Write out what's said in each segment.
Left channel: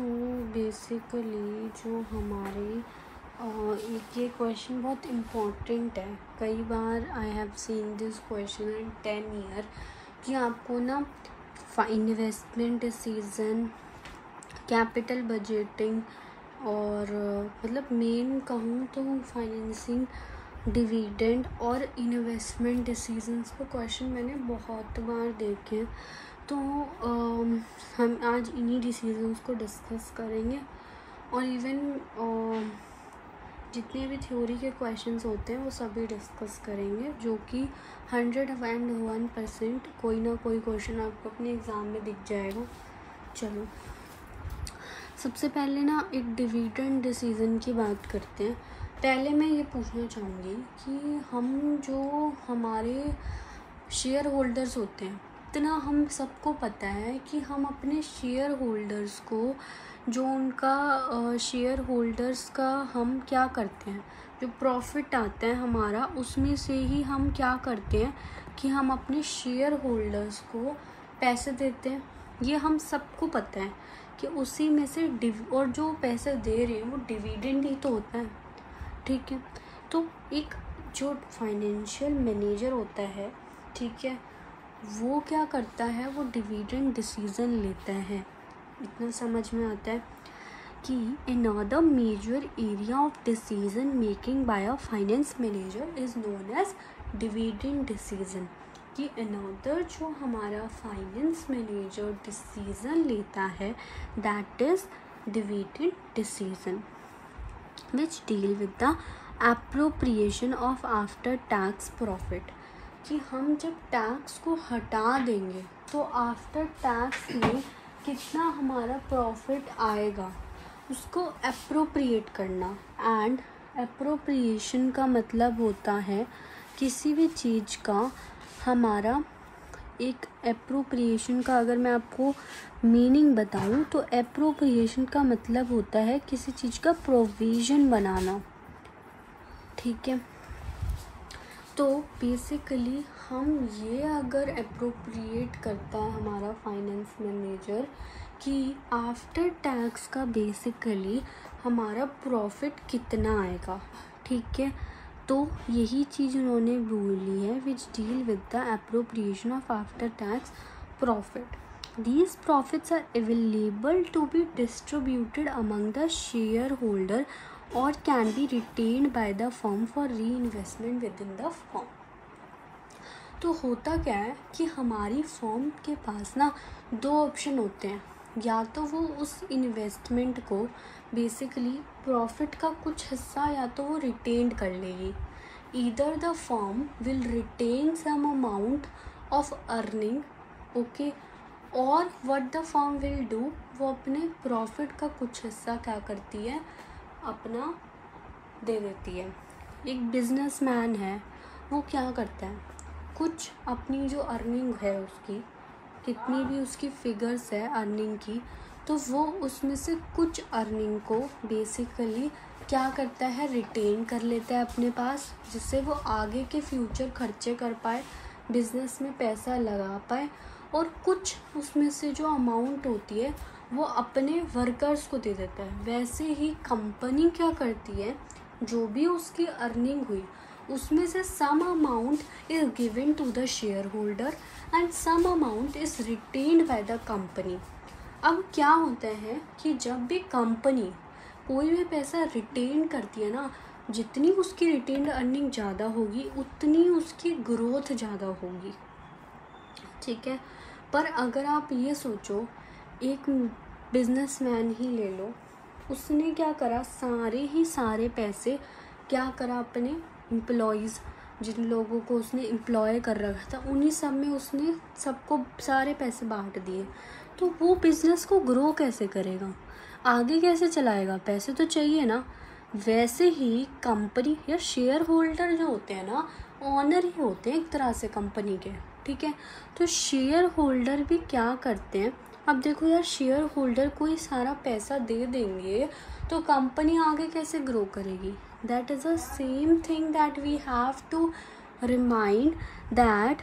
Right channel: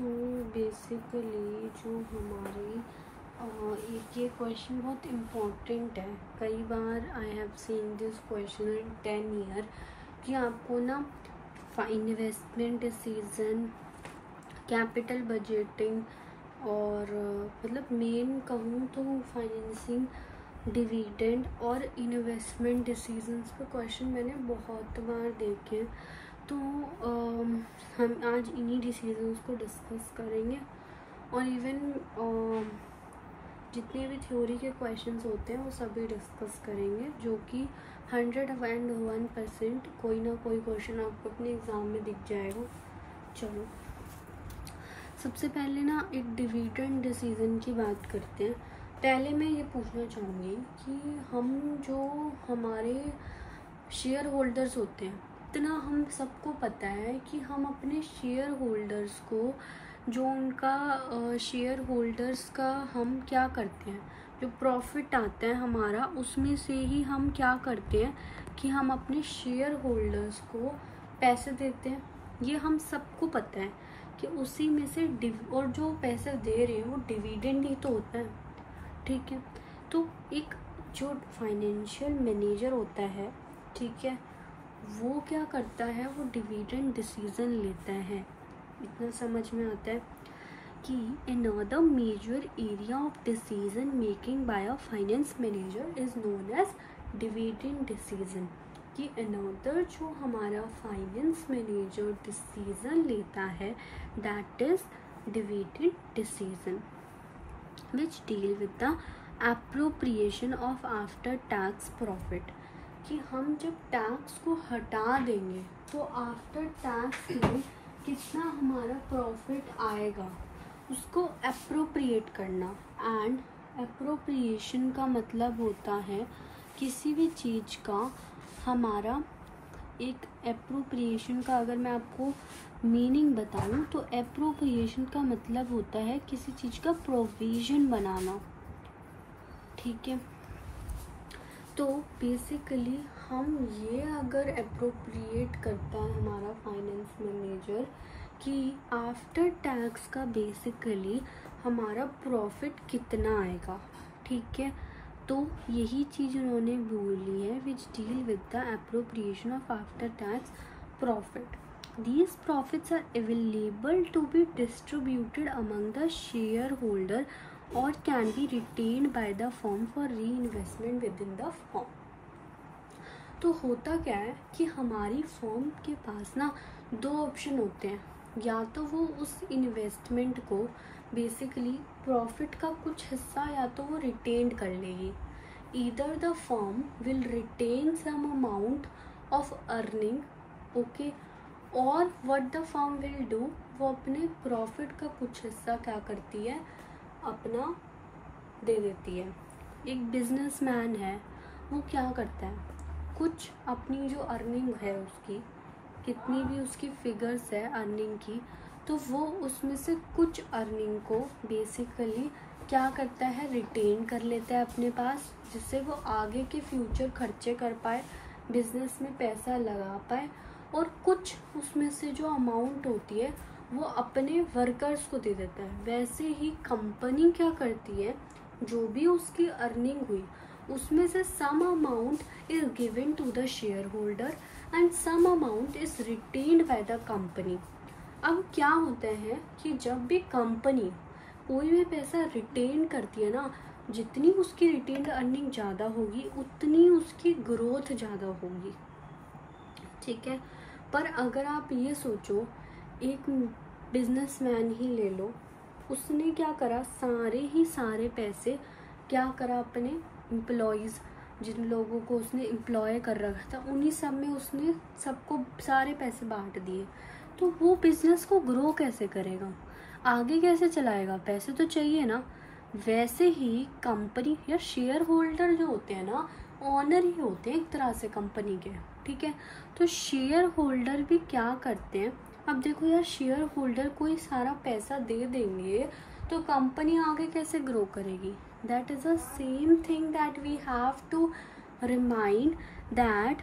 So basically जो हमारी एक ये क्वेश्चन बहुत इम्पोर्टेंट है। कई बार I have seen this question in 10 year कि आपको ना इन्वेस्टमेंट डिसीजन, कैपिटल बजटिंग और मतलब मेन कहूँ तो फाइनेंसिंग, डिविडेंड और इन्वेस्टमेंट डिसीजंस पे क्वेश्चन मैंने बहुत बार देखे हैं। तो हम आज इन्हीं डिसीजंस को डिस्कस करेंगे और इवन जितने भी थ्योरी के क्वेश्चंस होते हैं वो सभी डिस्कस करेंगे, जो कि 101% कोई ना कोई क्वेश्चन आपको अपने एग्ज़ाम में दिख जाएगा। चलो सबसे पहले ना एक डिविडेंड डिसीजन की बात करते हैं। पहले मैं ये पूछना चाहूँगी कि हम जो हमारे शेयर होल्डर्स होते हैं, इतना हम सबको पता है कि हम अपने शेयर होल्डर्स को, जो उनका शेयर होल्डर्स का हम क्या करते हैं, जो प्रॉफिट आता है हमारा उसमें से ही हम क्या करते हैं कि हम अपने शेयर होल्डर्स को पैसे देते हैं। ये हम सबको पता है कि उसी में से और जो पैसे दे रहे हैं वो डिविडेंड ही तो होता है, ठीक है। तो एक जो फाइनेंशियल मैनेजर होता है, ठीक है, वो क्या करता है, वो डिविडेंड डिसीजन लेता है। इतना समझ में आता है कि another major area of decision making by a finance manager is known as dividend decision। कि another जो हमारा फाइनेंस मैनेजर डिसीजन लेता है that is dividend decision which deal with the appropriation of after tax profit। कि हम जब tax को हटा देंगे तो आफ्टर टैक्स में कितना हमारा प्रॉफिट आएगा उसको एप्रोप्रिएट करना। एंड एप्रोप्रिएशन का मतलब होता है किसी भी चीज़ का हमारा एक एप्रोप्रिएशन का अगर मैं आपको मीनिंग बताऊं तो एप्रोप्रिएशन का मतलब होता है किसी चीज़ का प्रोविज़न बनाना, ठीक है। तो बेसिकली हम ये अगर एप्रोप्रिएट करता है हमारा फाइनेंस मैनेजर कि आफ्टर टैक्स का बेसिकली हमारा प्रॉफिट कितना आएगा, ठीक है, तो यही चीज़ उन्होंने बोली है which deal with the appropriation of after tax profit. These profits are available to be distributed among the shareholder or can be retained by the firm for reinvestment within the firm। तो होता क्या है कि हमारी firm के पास ना दो option होते हैं, या तो वो उस इन्वेस्टमेंट को बेसिकली प्रॉफिट का कुछ हिस्सा या तो वो रिटेन कर लेगी। Either the firm will retain some amount of earning, okay, और what the firm will do, वो अपने प्रॉफिट का कुछ हिस्सा क्या करती है, अपना दे देती है। एक बिजनेसमैन है, वो क्या करता है, कुछ अपनी जो अर्निंग है उसकी, कितनी भी उसकी फिगर्स है अर्निंग की, तो वो उसमें से कुछ अर्निंग को बेसिकली क्या करता है, रिटेन कर लेता है अपने पास, जिससे वो आगे के फ्यूचर खर्चे कर पाए, बिजनेस में पैसा लगा पाए, और कुछ उसमें से जो अमाउंट होती है वो अपने वर्कर्स को दे देता है। वैसे ही कंपनी क्या करती है, जो भी उसकी अर्निंग हुई उसमें से some amount is given to the share holder and some amount is retained by the company. अब क्या होता है कि जब भी कंपनी कोई भी पैसा रिटेन करती है ना, जितनी उसकी रिटेन्ड अर्निंग ज़्यादा होगी उतनी उसकी ग्रोथ ज़्यादा होगी, ठीक है। पर अगर आप ये सोचो, एक बिजनेसमैन ही ले लो, उसने क्या करा, सारे पैसे क्या करा, अपने एम्प्लॉयज़, जिन लोगों को उसने एम्प्लॉय कर रखा था उन्हीं सब में उसने सबको सारे पैसे बांट दिए। तो वो बिज़नेस को ग्रो कैसे करेगा, आगे कैसे चलाएगा, पैसे तो चाहिए ना। वैसे ही कंपनी या शेयर होल्डर जो होते हैं ना, ऑनर ही होते हैं एक तरह से कंपनी के, ठीक है। तो शेयर होल्डर भी क्या करते हैं, अब देखो यार, शेयर होल्डर कोई सारा पैसा दे देंगे तो कंपनी आगे कैसे ग्रो करेगी। That is the same thing that we have to remind that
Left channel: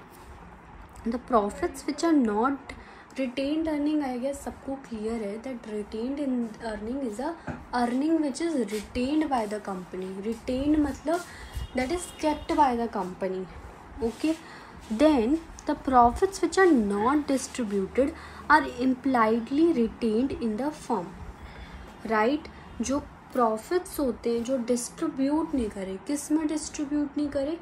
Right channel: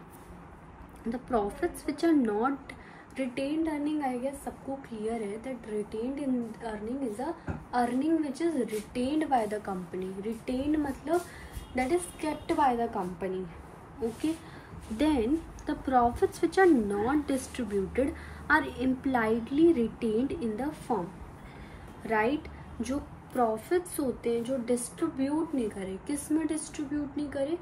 the profits which are not retained earning I guess सबको क्लियर है that retained in earning is a earning which is retained by the company. Retained मतलब that is kept by the company. Okay, then the profits which are not distributed are impliedly retained in the firm. Right, जो profits होते हैं जो distribute नहीं करे, किस में distribute नहीं करे,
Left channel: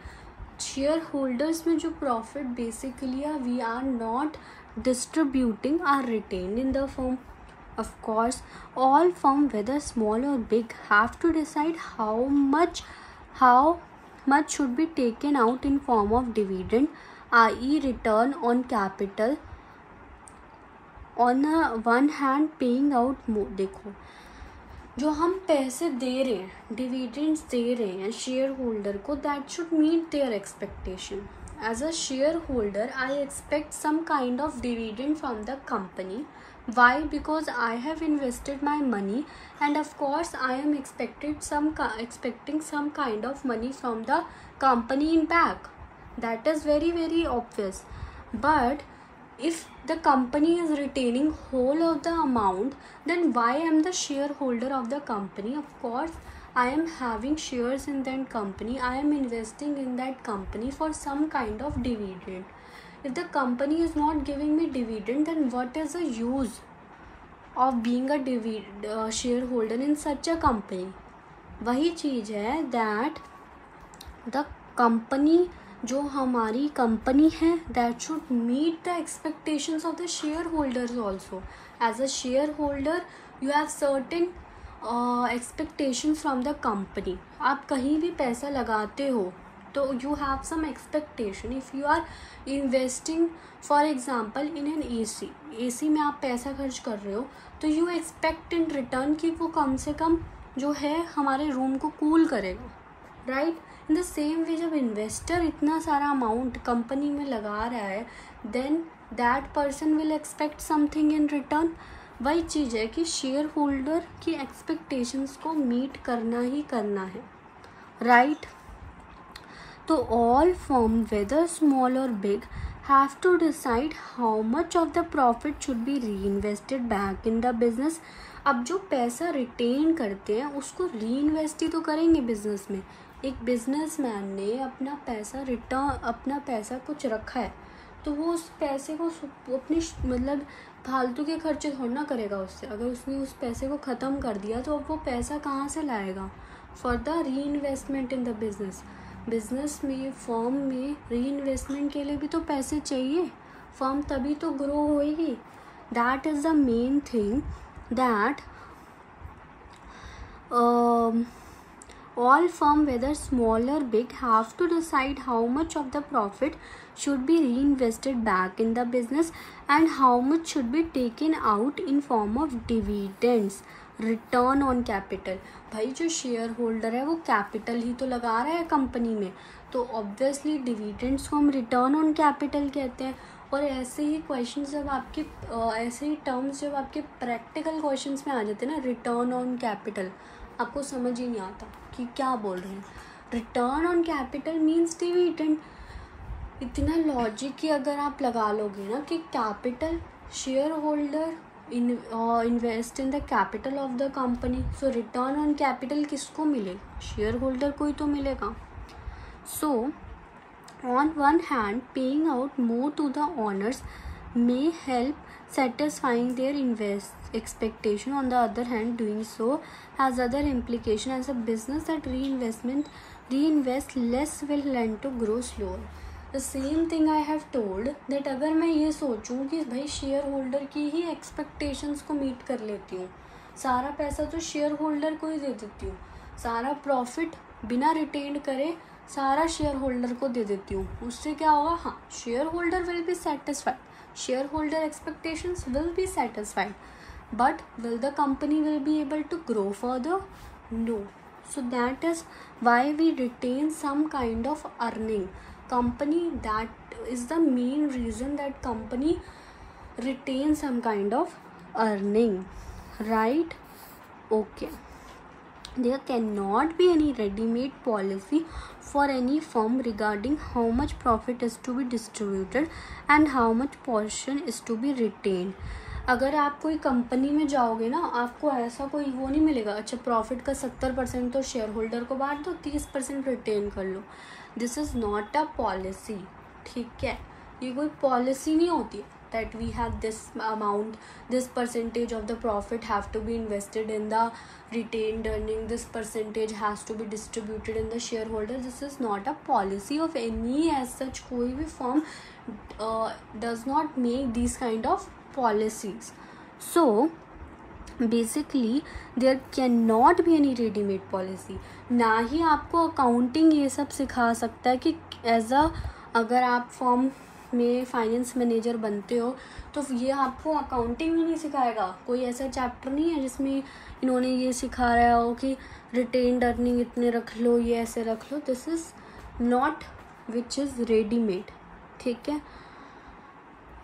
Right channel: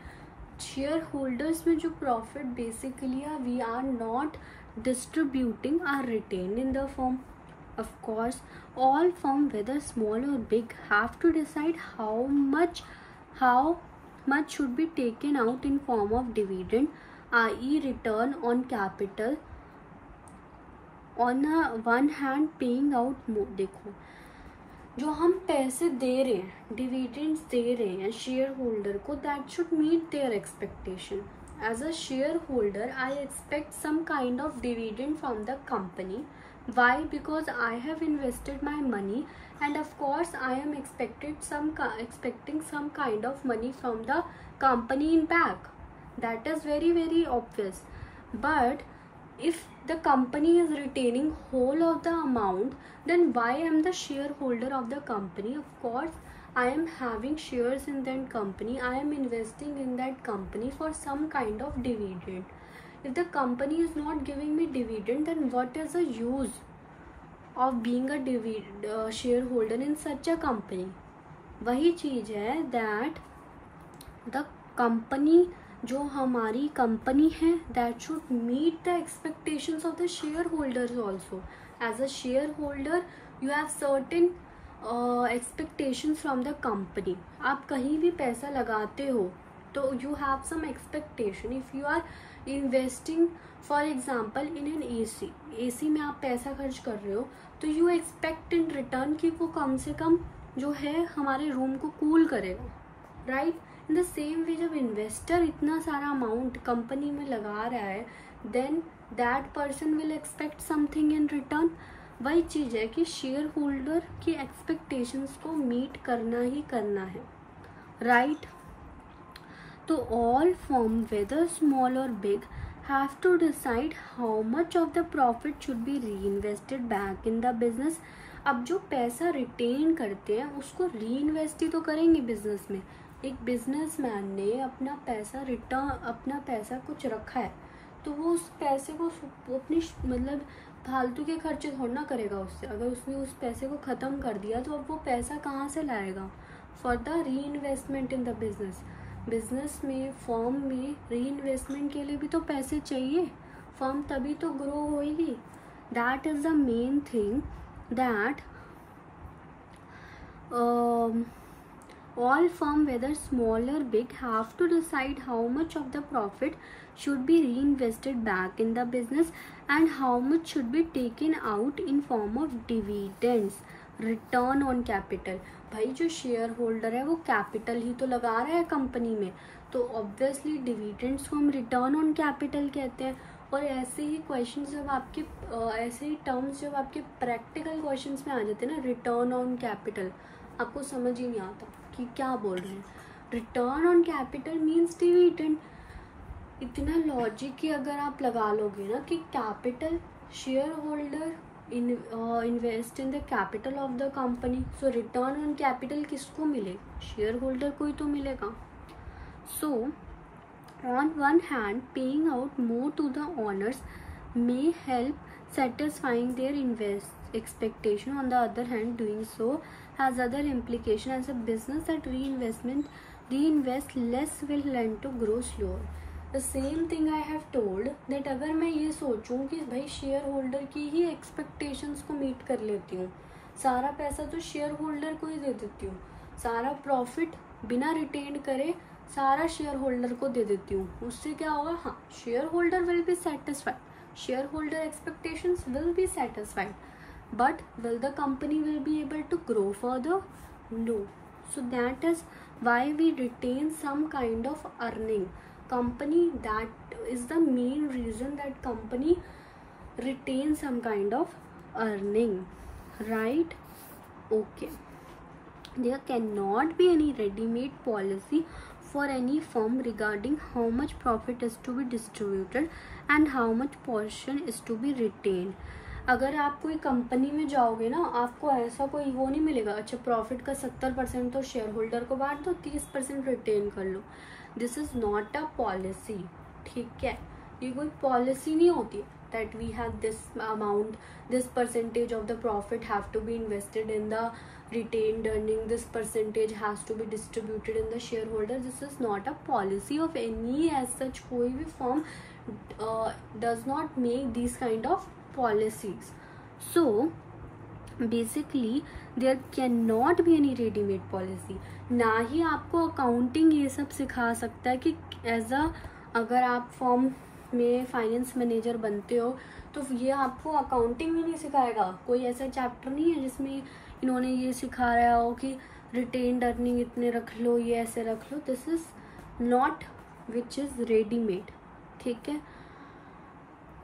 शेयर होल्डर्स में जो profit basically we are not distributing are retained in the firm. Of course, all firm, whether small or big, have to decide how much should be taken out in form of dividend, i.e. return on capital. On one hand, paying out more. देखो, जो हम पैसे दे रहे हैं, dividends दे रहे हैं share holder को, that should meet their expectation. As a shareholder, I expect some kind of dividend from the company. Why? Because I have invested my money, and of course I am expecting some kind of money from the company in back. That is very, very obvious. But if the company is retaining whole of the amount, then why am the shareholder of the company? Of course I am having shares in that company. I am investing in that company for some kind of dividend. If the company is not giving me dividend, then what is the use of being a shareholder in such a company? वही चीज़ है that the company, जो हमारी company है, that should meet the expectations of the shareholders also. As a shareholder, you have certain expectation from the company. आप कहीं भी पैसा लगाते हो तो you have some expectation. If you are investing for example in an AC में आप पैसा खर्च कर रहे हो, तो यू एक्सपेक्ट इन रिटर्न कि वो कम से कम जो है हमारे रूम को कूल करेगा. Right, in the same way जब इन्वेस्टर इतना सारा अमाउंट कंपनी में लगा रहा है, then that person will expect something in return. वही चीज़ है कि शेयर होल्डर की एक्सपेक्टेशंस को मीट करना ही करना है. राइट, तो ऑल फर्म वेदर स्मॉल और big have to decide how much of the profit should be reinvested back in the business. अब जो पैसा रिटेन करते हैं उसको री इन्वेस्ट ही तो करेंगे बिजनेस में. एक बिजनेसमैन ने अपना पैसा कुछ रखा है, तो वो उस पैसे को अपनी मतलब फालतू के खर्चे थोड़ा ना करेगा उससे. अगर उसने उस पैसे को ख़त्म कर दिया तो अब वो पैसा कहाँ से लाएगा? फॉर द री इन्वेस्टमेंट इन द बिजनेस में, फर्म में री इन्वेस्टमेंट के लिए भी तो पैसे चाहिए. फर्म तभी तो ग्रो होएगी. That is the main thing that all firm, whether small or big, have to decide how much of the profit should be reinvested back in the business and how much should be taken out in form of dividends, return on capital. भाई जो share holder है वो capital ही तो लगा रहा है company में, तो ऑब्वियसली डिविडेंड्स को हम रिटर्न ऑन कैपिटल कहते हैं. और ऐसे ही क्वेश्चन जब आपके ऐसे ही टर्म्स जब आपके प्रैक्टिकल क्वेश्चंस में आ जाते हैं ना, रिटर्न ऑन कैपिटल, आपको समझ ही नहीं आता कि क्या बोल रहे हैं. Return on capital means dividend. इतना लॉजिक ही अगर आप लगा लोगे ना कि capital, share holder invest in the capital of the company, so return on capital किसको मिलेगा? शेयर होल्डर को ही तो मिलेगा. So on one hand paying out more to the owners may help satisfying their expectation. On the other hand, doing so has other implication. As a business that reinvest less will lend to grow slower. The same thing I have told that अगर मैं ये सोचूं कि भाई share holder की ही expectations को meet कर लेती हूँ, सारा पैसा तो शेयर होल्डर को ही दे देती हूँ, सारा प्रॉफिट बिना रिटेन करे सारा शेयर होल्डर को दे देती हूँ, उससे क्या होगा? हाँ, share holder will be satisfied, shareholder expectations will be satisfied, but will the company will be able to grow further? No. So that is why we retain some kind of earning. Company, that is the main reason that company retains some kind of earning, right? Okay. There cannot be any ready-made policy for any firm regarding how much profit is to be distributed and how much portion is to be retained. अगर आप कोई company में जाओगे ना, आपको ऐसा कोई वो नहीं मिलेगा, अच्छा प्रॉफिट का 70% तो शेयर होल्डर को बांट दो, 30% रिटेन कर लो. This is not a policy. ठीक है, ये कोई पॉलिसी नहीं होती है that we have this amount, this percentage of the profit have to be invested in the retained earning, this percentage has to be distributed in the shareholder. This is not a policy of any as such. कोई भी firm does not make these kind of policies. So basically there cannot be any ready-made policy. ना ही आपको accounting ये सब सिखा सकता है कि एज अ, अगर आप फॉर्म में फाइनेंस मैनेजर बनते हो तो ये आपको अकाउंटिंग भी नहीं सिखाएगा. कोई ऐसा चैप्टर नहीं है जिसमें इन्होंने ये सिखा रहा हो कि रिटेन्ड अर्निंग इतने रख लो, ये ऐसे रख लो. This is not which is readymade. ठीक है.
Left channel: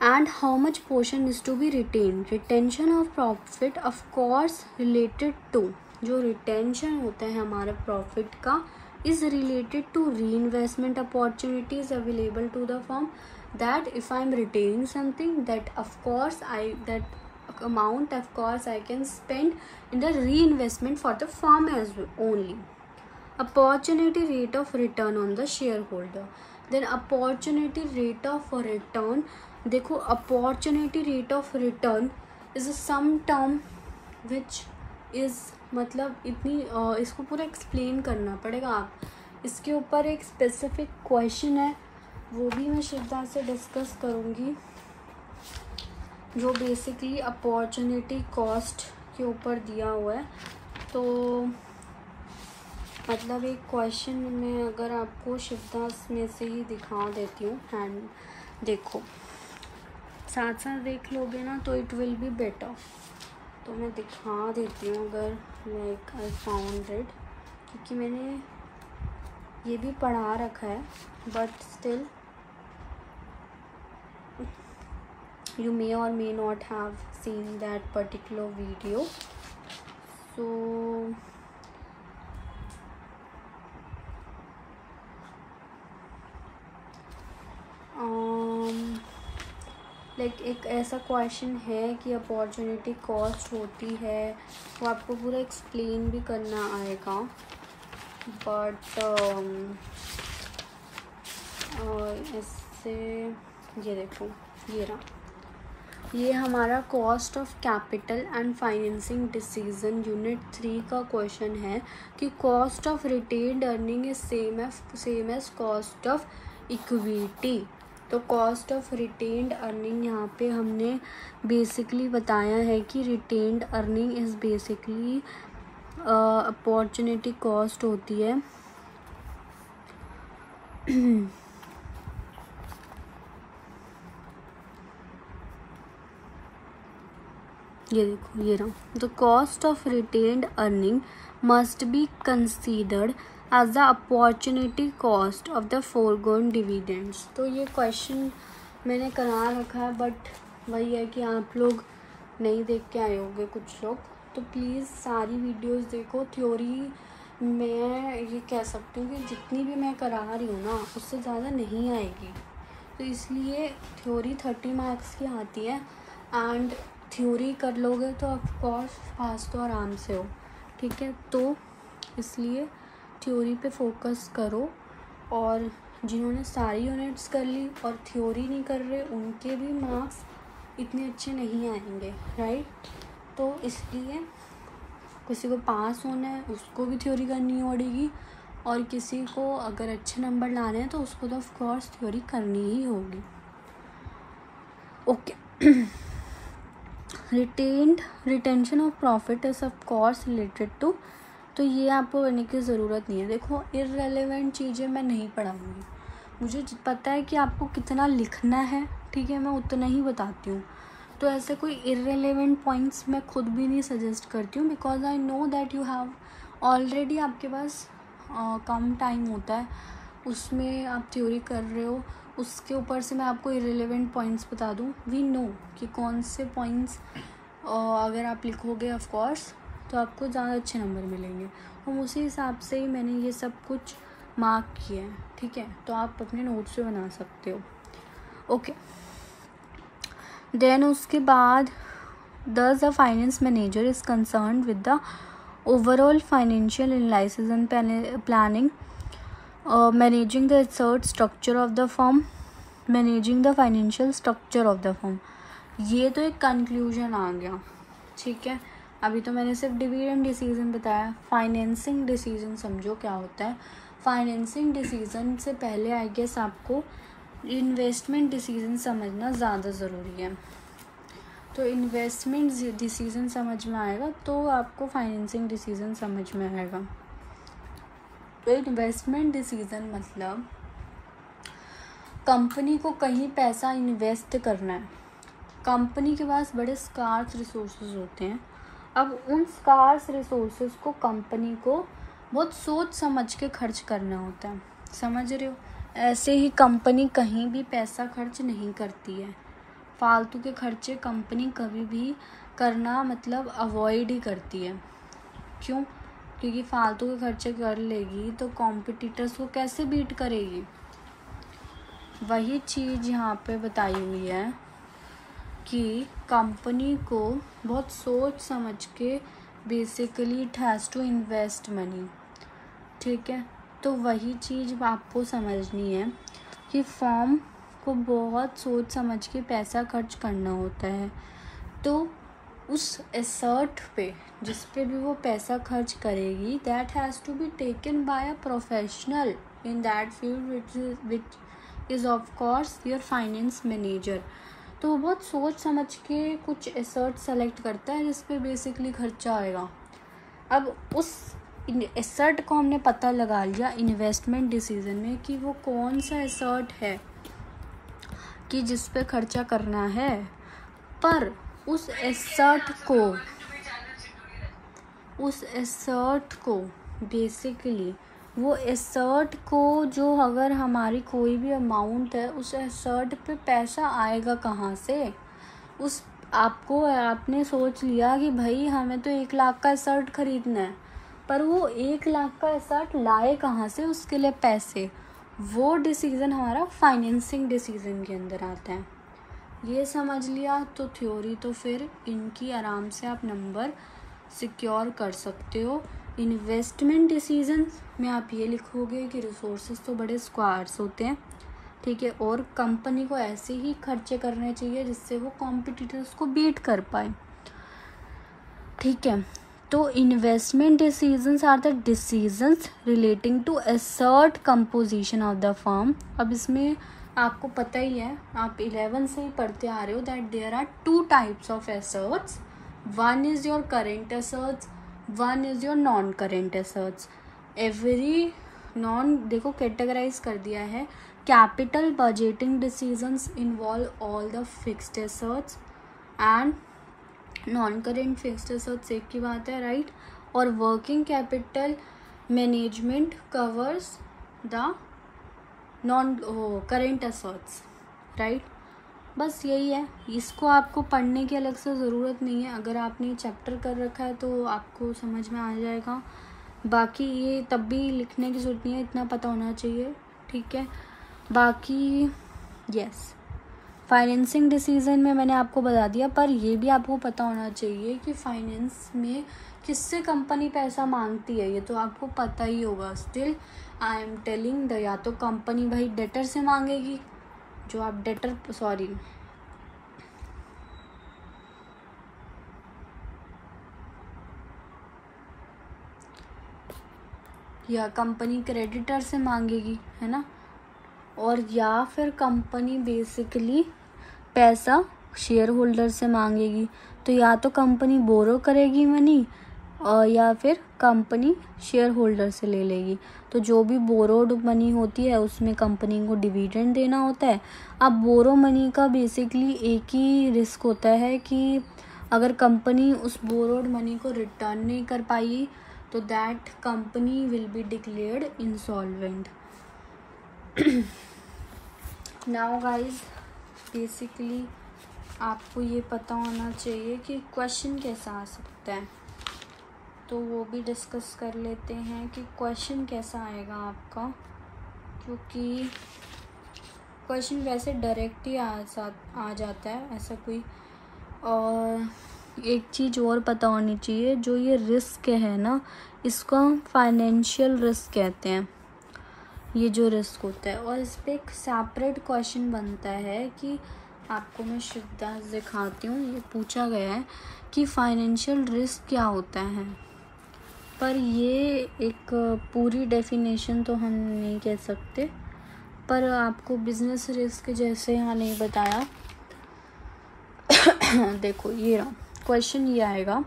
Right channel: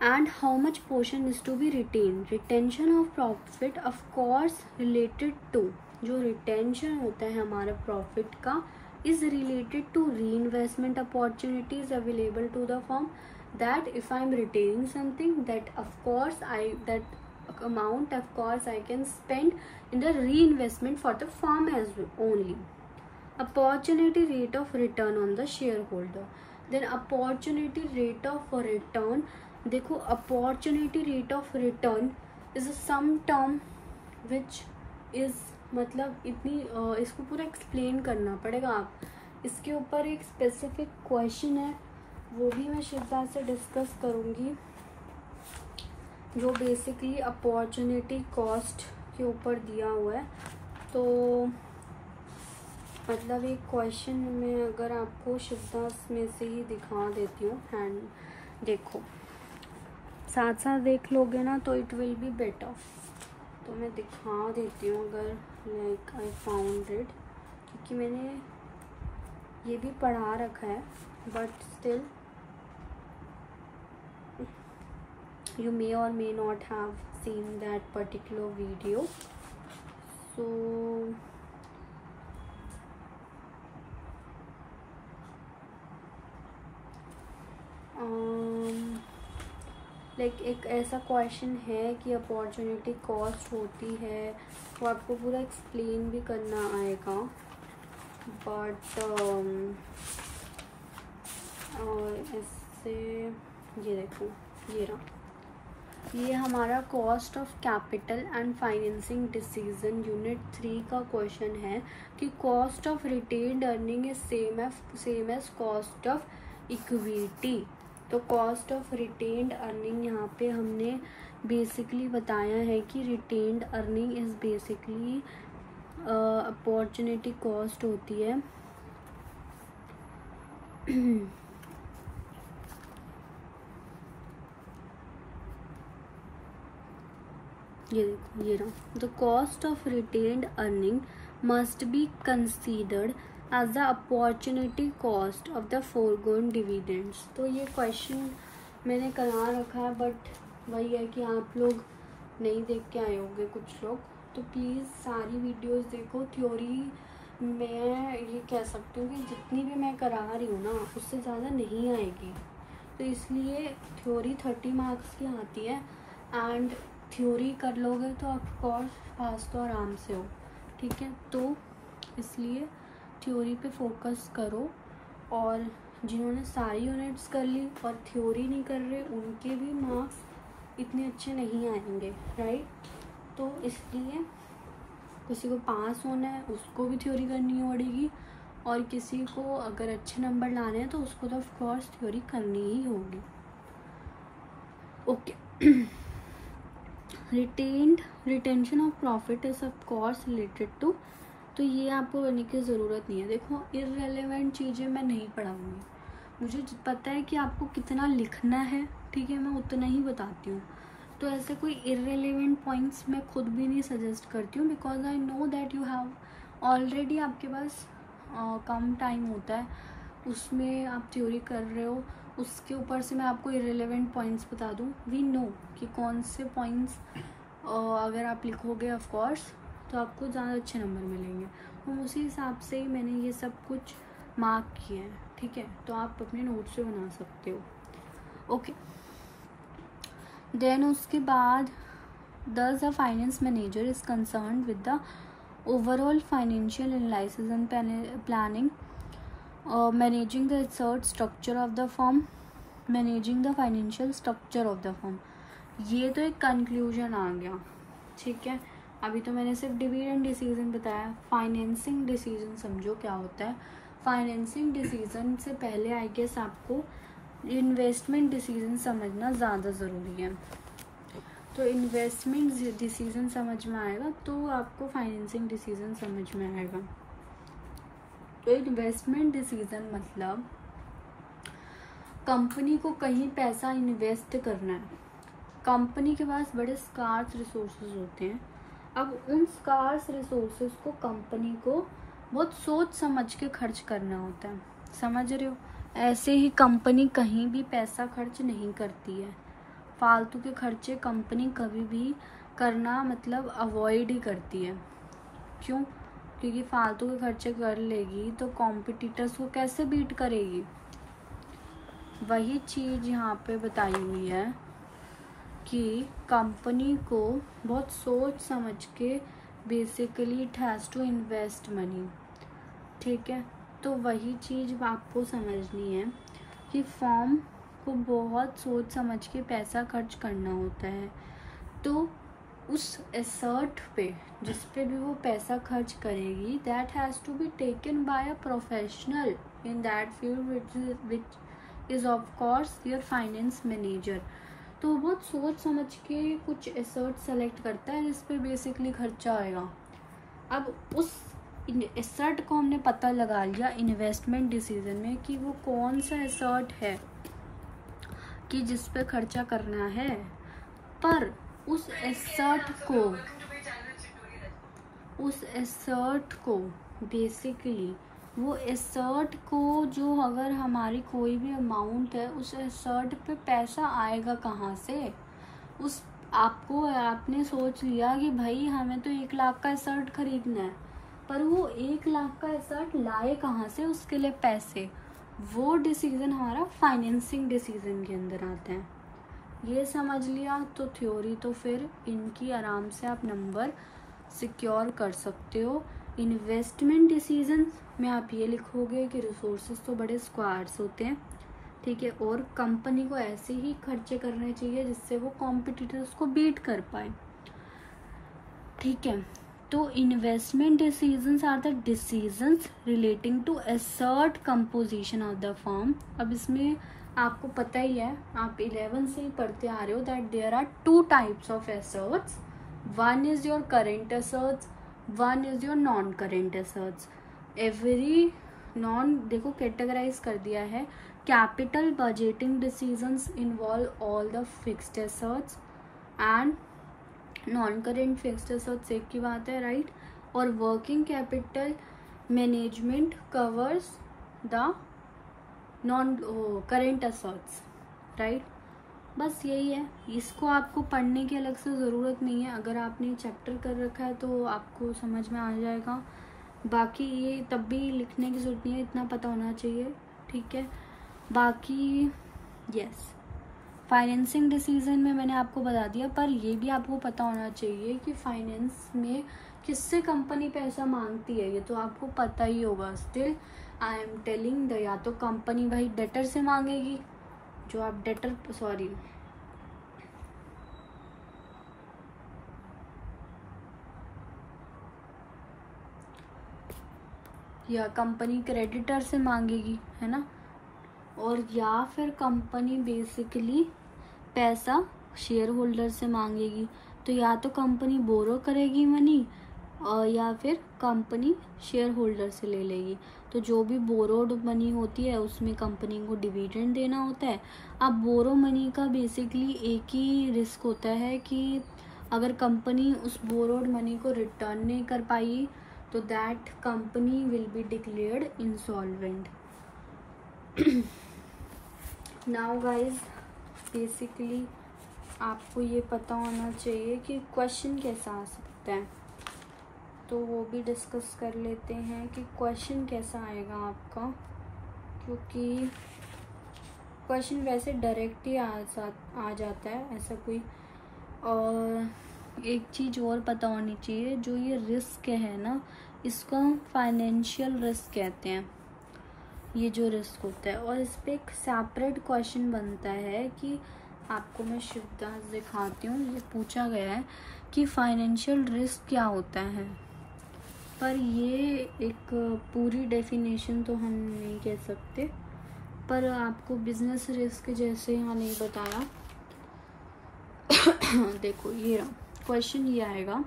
And how much portion is to be retain. Retention of profit of course related to, जो रिटेंशन होता है हमारा प्रॉफिट का is related to reinvestment opportunities available to the firm. That if I am retaining something, that of course that amount of course I can spend in the reinvestment for the firm as well only. Opportunity rate of return on the shareholder. Then opportunity rate of return, देखो opportunity rate of return is some term which is, मतलब इतनी इसको पूरा explain करना पड़ेगा. आप इसके ऊपर एक स्पेसिफिक क्वेश्चन है, वो भी मैं शिवदा से डिस्कस करूँगी, जो बेसिकली अपॉर्चुनिटी कॉस्ट के ऊपर दिया हुआ है. तो मतलब एक क्वेश्चन में अगर आपको शिवदास में से ही दिखा देती हूँ, एंड देखो साथ साथ देख लोगे ना तो इट विल बी बेटर. तो मैं दिखा देती हूँ अगर लाइक आई फाउंड इट, क्योंकि मैंने ये भी पढ़ा रखा है, but still you may or may not have seen that particular video. So like एक ऐसा क्वेश्चन है कि अपॉर्चुनिटी कॉस्ट होती है, वो आपको पूरा एक्सप्लेन भी करना आएगा, बट इससे ये देखो, ये रहा, ये हमारा cost of capital and financing decision unit 3 का क्वेश्चन है कि cost of retained earning is same as cost of equity. तो कॉस्ट ऑफ रिटेन्ड अर्निंग यहाँ पे हमने बेसिकली बताया है कि retained earning is basically opportunity cost होती है. ये देखो, ये रहा. The cost of retained earning must be considered as the opportunity cost of the forgone dividends. तो ये क्वेश्चन मैंने करा रखा है, बट वही है कि आप लोग नहीं देख के आए होंगे कुछ लोग, तो प्लीज़ सारी वीडियोस देखो. थ्योरी मैं ये कह सकती हूँ कि जितनी भी मैं करा रही हूँ ना, उससे ज़्यादा नहीं आएगी. तो इसलिए थ्योरी 30 मार्क्स की आती है, एंड थ्योरी कर लोगे तो ऑफकोर्स पास तो आराम से हो. ठीक है, तो इसलिए थ्योरी पे फोकस करो. और जिन्होंने सारी यूनिट्स कर ली और थ्योरी नहीं कर रहे, उनके भी मार्क्स इतने अच्छे नहीं आएंगे, राइट. तो इसलिए किसी को पास होना है उसको भी थ्योरी करनी पड़ेगी, और किसी को अगर अच्छे नंबर लाने हैं तो उसको तो ऑफकोर्स थ्योरी करनी ही होगी. Okay. Retention of profit is of course related to, तो ये आपको करने की ज़रूरत नहीं है. देखो इररेलेवेंट चीज़ें मैं नहीं पढ़ाऊँगी, मुझे पता है कि आपको कितना लिखना है, ठीक है, मैं उतना ही बताती हूँ. तो ऐसे कोई इररेलेवेंट पॉइंट्स मैं खुद भी नहीं सजेस्ट करती हूँ, because I know that you have already, आपके पास कम टाइम होता है, उसमें आप थ्योरी कर रहे हो, उसके ऊपर से मैं आपको इररेलेवेंट पॉइंट्स बता दूँ. वी नो कि कौन से पॉइंट्स अगर आप लिखोगे ऑफकोर्स तो आपको ज़्यादा अच्छे नंबर मिलेंगे. तो उसी हिसाब से ही मैंने ये सब कुछ मार्क किया है, ठीक है, तो आप अपने नोट्स पे बना सकते हो। ओके, देन उसके बाद thus a finance manager is concerned with the overall financial analysis and planning, managing the asset structure of the firm, managing the financial structure of the firm। ये तो एक कंक्लूजन आ गया, ठीक है। अभी तो मैंने सिर्फ डिविडेंड डिसीजन बताया। फाइनेंसिंग डिसीजन समझो क्या होता है। फाइनेंसिंग डिसीजन से पहले आई गेस आपको इन्वेस्टमेंट डिसीजन समझना ज़्यादा ज़रूरी है। तो इन्वेस्टमेंट डिसीजन समझ में आएगा तो आपको फाइनेंसिंग डिसीजन समझ में आएगा। तो इन्वेस्टमेंट डिसीजन मतलब कंपनी को कहीं पैसा इन्वेस्ट करना है। कंपनी के पास बड़े स्कार्स रिसोर्सेज होते हैं। अब उन स्कार्स रिसोर्सेज को कंपनी को बहुत सोच समझ के खर्च करना होता है, समझ रहे हो। ऐसे ही कंपनी कहीं भी पैसा खर्च नहीं करती है। फालतू के खर्चे कंपनी कभी भी करना मतलब अवॉइड ही करती है। क्यों? क्योंकि फालतू के खर्चे कर लेगी तो कॉम्पिटिटर्स को कैसे बीट करेगी। वही चीज़ यहाँ पे बताई हुई है कि कंपनी को बहुत सोच समझ के basically it has to invest money, ठीक है। तो वही चीज़ आपको समझनी है कि फर्म को बहुत सोच समझ के पैसा खर्च करना होता है। तो उस एसेट पे जिस पे भी वो पैसा खर्च करेगी that has to be taken by a professional in that field which is of course your finance manager. तो वो बहुत सोच समझ के कुछ एसेट सेलेक्ट करता है जिस पे बेसिकली खर्चा आएगा। अब उस एसेट को हमने पता लगा लिया इन्वेस्टमेंट डिसीजन में कि वो कौन सा एसेट है कि जिस पे खर्चा करना है, पर उस एसेट को बेसिकली वो एसेट को जो अगर हमारी कोई भी अमाउंट है उस एसेट पे पैसा आएगा कहाँ से। उस आपने सोच लिया कि भाई हमें तो 1 लाख का एसेट खरीदना है, पर वो 1 लाख का एसेट लाए कहाँ से, उसके लिए पैसे, वो डिसीज़न हमारा फाइनेंसिंग डिसीज़न के अंदर आता है। ये समझ लिया तो थ्योरी तो फिर इनकी आराम से आप नंबर सिक्योर कर सकते हो। इन्वेस्टमेंट डिसीजन में आप ये लिखोगे कि रिसोर्सेज तो बड़े स्क्वायर्स होते हैं, ठीक है, और कंपनी को ऐसे ही खर्चे करने चाहिए जिससे वो कॉम्पिटिटर्स को बीट कर पाए, ठीक है। तो investment decisions are the decisions relating to asset composition of the firm. अब इसमें आपको पता ही है, आप 11 से ही पढ़ते आ रहे हो that there are 2 types of assets. One is your current assets, one is your non current assets. Every non देखो कैटेगराइज कर दिया है। Capital budgeting decisions involve all the fixed assets and non current fixed assets एक की बात है, right. और working capital management covers the non current assets, right. बस यही है, इसको आपको पढ़ने की अलग से ज़रूरत नहीं है। अगर आपने चैप्टर कर रखा है तो आपको समझ में आ जाएगा। बाकी ये तब भी लिखने की ज़रूरत नहीं है, इतना पता होना चाहिए, ठीक है। बाकी यस, फाइनेंसिंग डिसीजन में मैंने आपको बता दिया, पर ये भी आपको पता होना चाहिए कि फाइनेंस में किससे कंपनी पैसा मांगती है, ये तो आपको पता ही होगा। Still I am telling the, या तो कंपनी भाई डेटर से मांगेगी, जो आप डेटर या कंपनी क्रेडिटर से मांगेगी, है ना, और या फिर कंपनी बेसिकली पैसा शेयर होल्डर से मांगेगी। तो या तो कंपनी बोरो करेगी मनी और या फिर कंपनी शेयर होल्डर से ले लेगी। तो जो भी बोरोड मनी होती है उसमें कंपनी को डिविडेंड देना होता है। अब बोरो मनी का बेसिकली एक ही रिस्क होता है कि अगर कंपनी उस बोरोड मनी को रिटर्न नहीं कर पाई तो that company will be declared insolvent. Now guys basically आपको ये पता होना चाहिए कि क्वेश्चन कैसा आ सकता है, तो वो भी डिस्कस कर लेते हैं कि क्वेश्चन कैसा आएगा आपका। क्योंकि क्वेश्चन वैसे डायरेक्ट ही आ जाता है ऐसा कोई। और एक चीज़ और पता होनी चाहिए, जो ये रिस्क है ना, इसको हम फाइनेंशियल रिस्क कहते हैं, ये जो रिस्क होता है। और इस पर एक सेपरेट क्वेश्चन बनता है कि आपको मैं शिवदास दिखाती हूँ, ये पूछा गया है कि फाइनेंशियल रिस्क क्या होता है, पर ये एक पूरी डेफिनेशन तो हम नहीं कह सकते, पर आपको बिजनेस रिस्क जैसे यहाँ नहीं बताया। देखो ये रहा क्वेश्चन, ये आएगा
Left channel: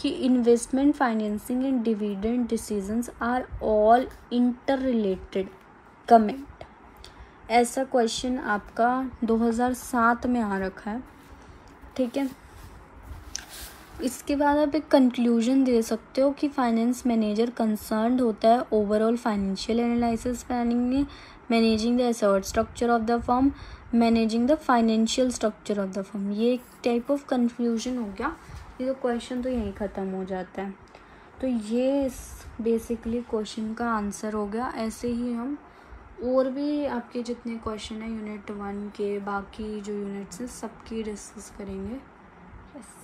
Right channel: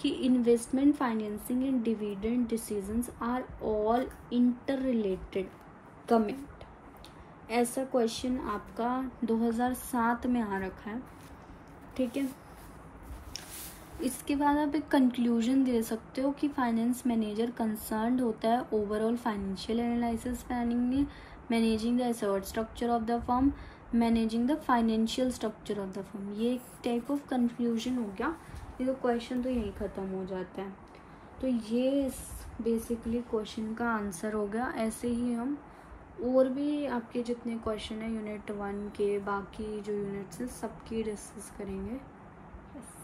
कि investment, financing and dividend decisions are all interrelated, comment. ऐसा क्वेश्चन आपका 2007 में आ रखा है, ठीक है। इसके बाद आप एक कंक्लूजन दे सकते हो कि फाइनेंस मैनेजर कंसर्न्ड होता है ओवरऑल फाइनेंशियल एनालिसिस प्लानिंग में, managing the asset structure of the firm, managing the financial structure of the firm. ये एक टाइप ऑफ कंफ्यूजन हो गया। ये तो क्वेश्चन तो यहीं ख़त्म हो जाता है। तो ये बेसिकली क्वेश्चन का आंसर हो गया। ऐसे ही हम और भी आपके जितने क्वेश्चन हैं यूनिट 1 के, बाकी जो यूनिट्स हैं सबकी डिस्कस करेंगे। यस।